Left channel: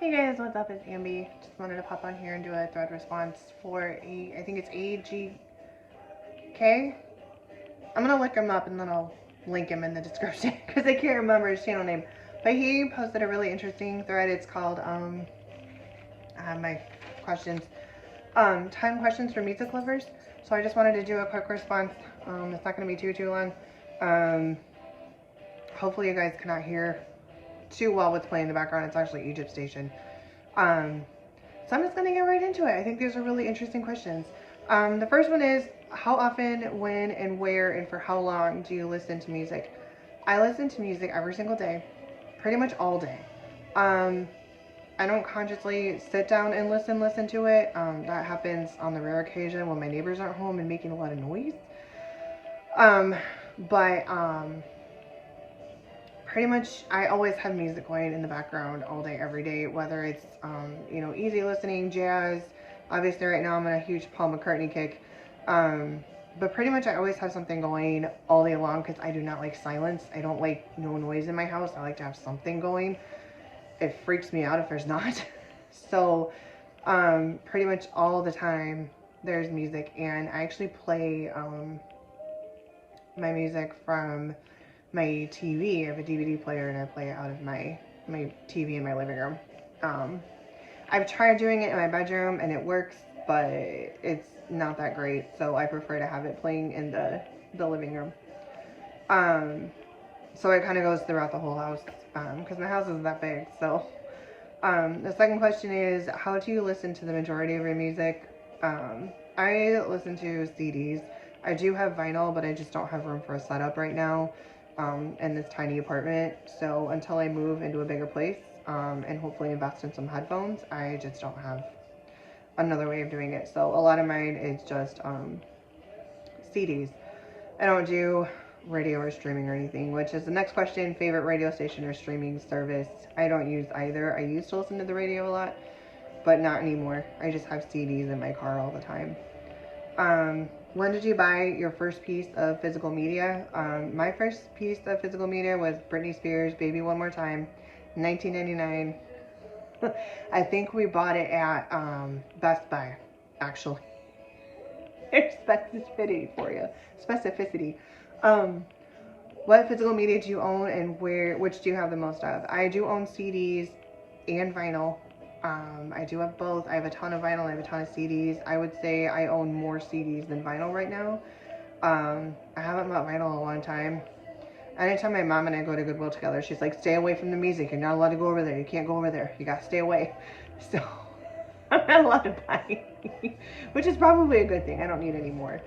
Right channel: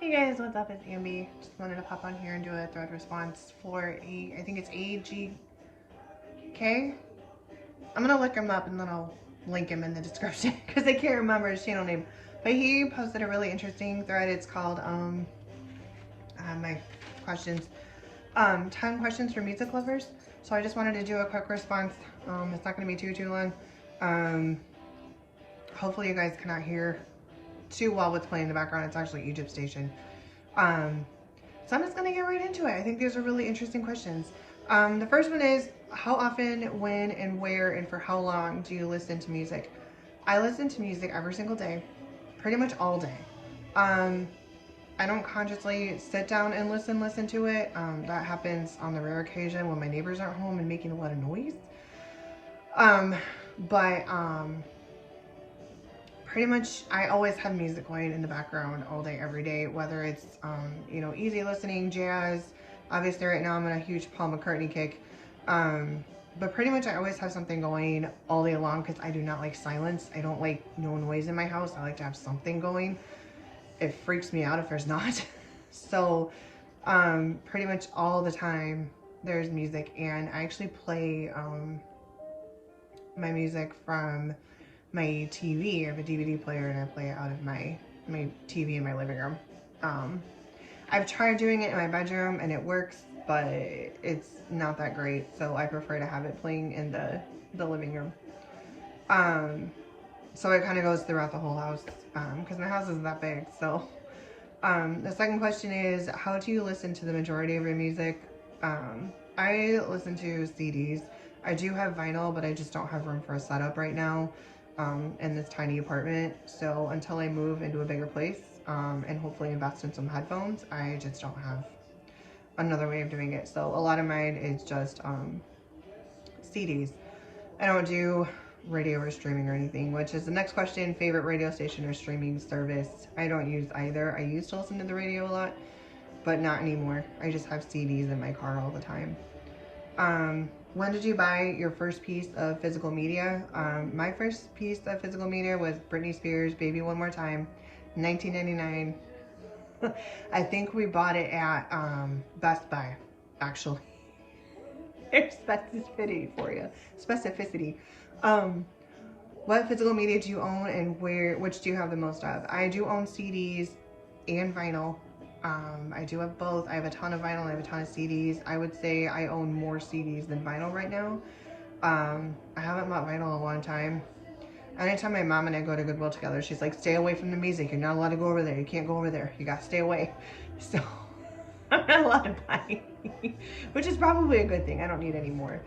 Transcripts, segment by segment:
Hey guys, what's up? It's Ambi. Just wanted to pop on here and do a thread response for I think it's AGK. I'm gonna look him up and then I'll link him in the description because I can't remember his channel name. But he posted a really interesting thread. It's called, I have my questions, 10 questions for music lovers. So I just wanted to do a quick response. It's not gonna be too long. Hopefully you guys cannot hear too well what's playing in the background. It's actually Egypt Station. So I'm just gonna get right into it. I think these are really interesting questions. The first one is, how often, when, and where, and for how long do you listen to music? I listen to music every single day, pretty much all day. I don't consciously sit down and listen to it. That happens on the rare occasion when my neighbors aren't home and making a lot of noise. Pretty much I always have music playing in the background all day, every day, whether it's, easy listening, jazz. Obviously right now I'm on a huge Paul McCartney kick. But pretty much I always have something going all day long because I do not like silence. I don't like no noise in my house. I like to have something going. It freaks me out if there's not. So pretty much all the time there's music, and I actually play my music from my TV. I have a DVD player and I play it out of my TV in my living room. I've tried doing it in my bedroom and it works, but it's not that great, so I prefer to have it playing in the living room. So it kind of goes throughout the whole house, because my house isn't that big. So the second question is, how do you listen to the majority of your music? I listen to CDs. I do have vinyl, but I just don't have room for a setup right now in this tiny apartment. So until I move into a bigger place and hopefully invest in some headphones, I just don't have another way of doing it. So a lot of mine is just CDs. I don't do radio or streaming or anything, which is the next question. Favorite radio station or streaming service? I don't use either. I used to listen to the radio a lot, but not anymore. I just have CDs in my car all the time. When did you buy your first piece of physical media? My first piece of physical media was Britney Spears' Baby One More Time, 1999. I think we bought it at Best Buy, actually. There's Specificity for you. Specificity. What physical media do you own, and which do you have the most of? I do own CDs and vinyl. I do have both. I have a ton of vinyl, I have a ton of CDs. I would say I own more CDs than vinyl right now. I haven't bought vinyl in a long time. Anytime my mom and I go to Goodwill together, she's like, stay away from the music. You're not allowed to go over there. You can't go over there. You gotta stay away. So I'm not allowed to buy, which is probably a good thing. I don't need any more.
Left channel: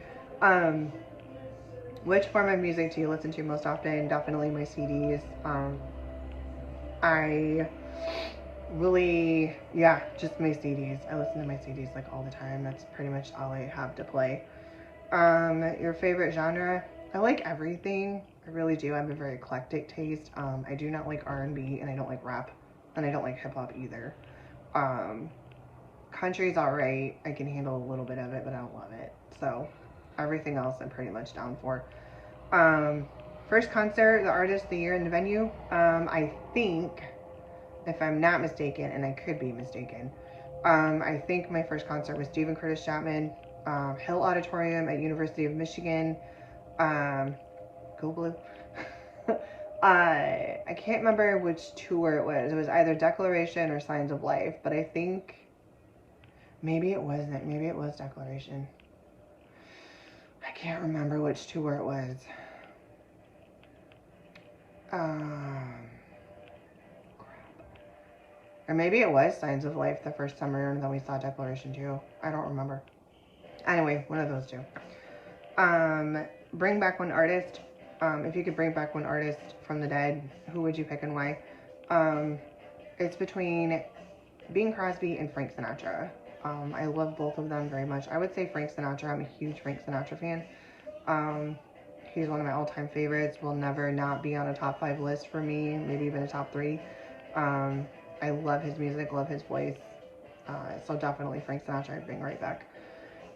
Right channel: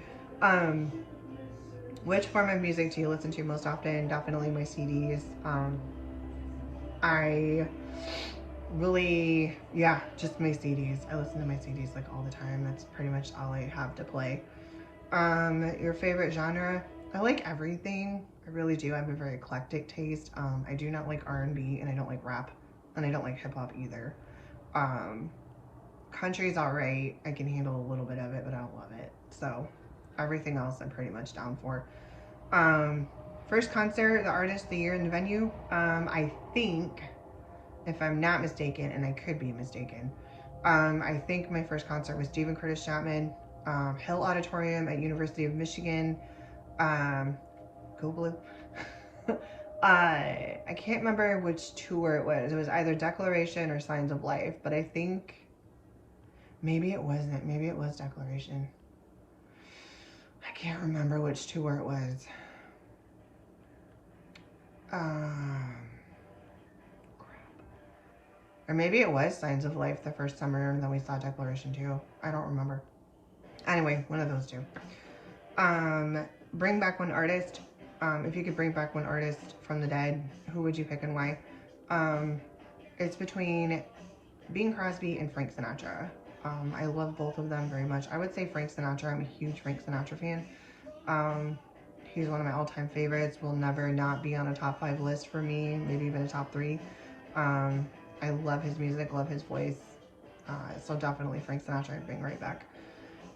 Which form of music do you listen to most often? Definitely my CDs. I really, just my CDs. I listen to my CDs like all the time. That's pretty much all I have to play. Your favorite genre? I like everything. I really do. I have a very eclectic taste. I do not like R&B, and I don't like rap, and I don't like hip hop either. Country's alright. I can handle a little bit of it, but I don't love it. So everything else I'm pretty much down for. First concert, the artist, the year, and the venue. I think, if I'm not mistaken, and I could be mistaken, I think my first concert was Stephen Curtis Chapman, Hill Auditorium at University of Michigan. Go Blue. I can't remember which tour it was. It was either Declaration or Signs of Life, but I think maybe it wasn't. Maybe it was Declaration. I can't remember which tour it was. Or maybe it was Signs of Life the first time around, and then we saw Declaration too. I don't remember. Anyway, one of those two. Bring back one artist. If you could bring back one artist from the dead, who would you pick and why? It's between Bing Crosby and Frank Sinatra. I love both of them very much. I would say Frank Sinatra. I'm a huge Frank Sinatra fan. He's one of my all-time favorites. Will never not be on a top 5 list for me, maybe even a top 3. I love his music, love his voice. So definitely Frank Sinatra, I'd bring right back.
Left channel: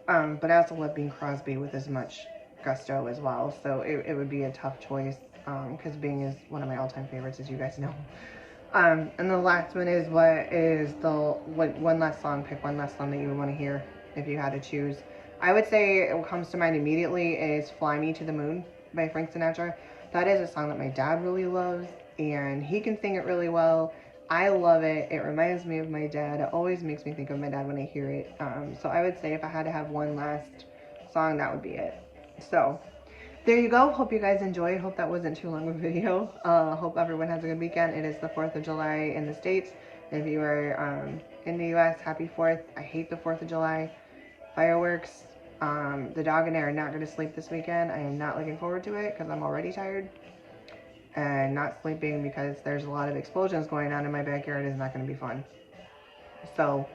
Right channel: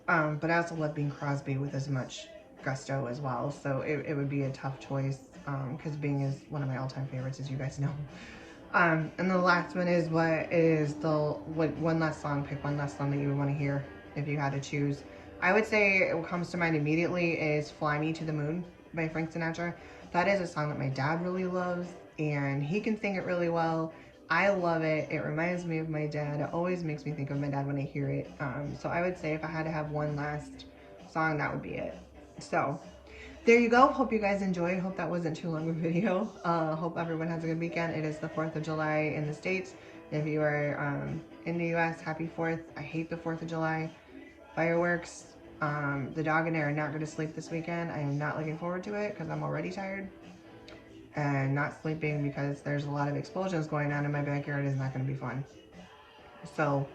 But I also love Bing Crosby with as much gusto as well. So it would be a tough choice because Bing is one of my all-time favorites, as you guys know. And the last one is what one last song, pick one last song that you would want to hear if you had to choose. I would say what comes to mind immediately is Fly Me to the Moon by Frank Sinatra. That is a song that my dad really loves, and he can sing it really well. I love it. It reminds me of my dad. It always makes me think of my dad when I hear it. So I would say if I had to have one last song, that would be it. So there you go. Hope you guys enjoyed. Hope that wasn't too long of a video. Hope everyone has a good weekend. It is the 4th of July in the States. If you are in the US, happy 4th. I hate the 4th of July fireworks. The dog and I are not going to sleep this weekend. I am not looking forward to it because I'm already tired. And not sleeping because there's a lot of explosions going on in my backyard is not going to be fun. So,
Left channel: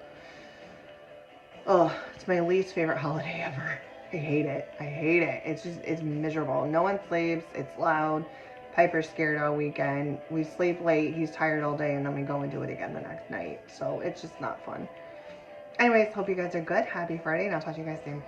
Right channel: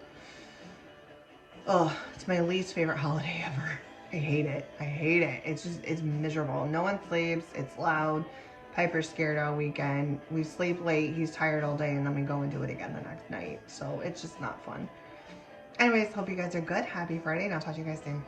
oh, it's my least favorite holiday ever. I hate it. I hate it. It's miserable. No one sleeps. It's loud. Piper's scared all weekend. We sleep late. He's tired all day, and then we go and do it again the next night. So it's just not fun. Anyways, hope you guys are good. Happy Friday, and I'll talk to you guys soon.